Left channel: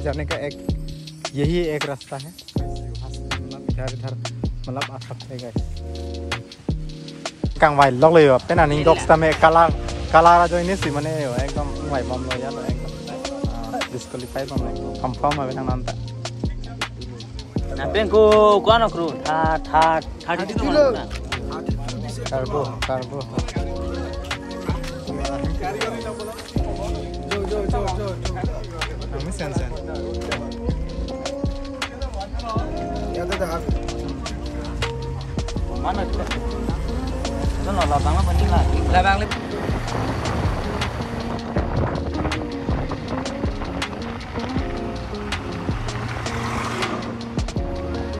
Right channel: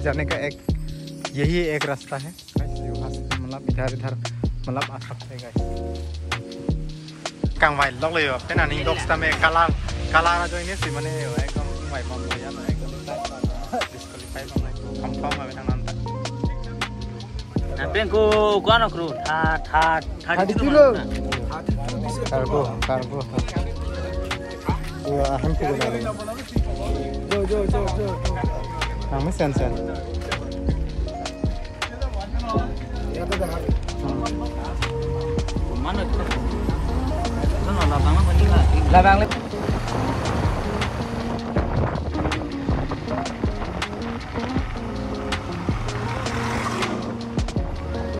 पे जाने का यही एक रास्ता है। मतलब इधर मतलब आता है càng vài lócเลยแบบเป็นอันนี้ดอกสตาร์เมกาลาโดยนี้สิมันเนี่ยएकदमไหวบอลเลยอะดิสโกลิไกบอลเลยคำฟ้องมาเป็นทางนั้นเป็นกูก้อนครูท่าดิจูเลยcargo ya hampi jo nang mi sen ya da mana tu mana la bang apa ni lah la bang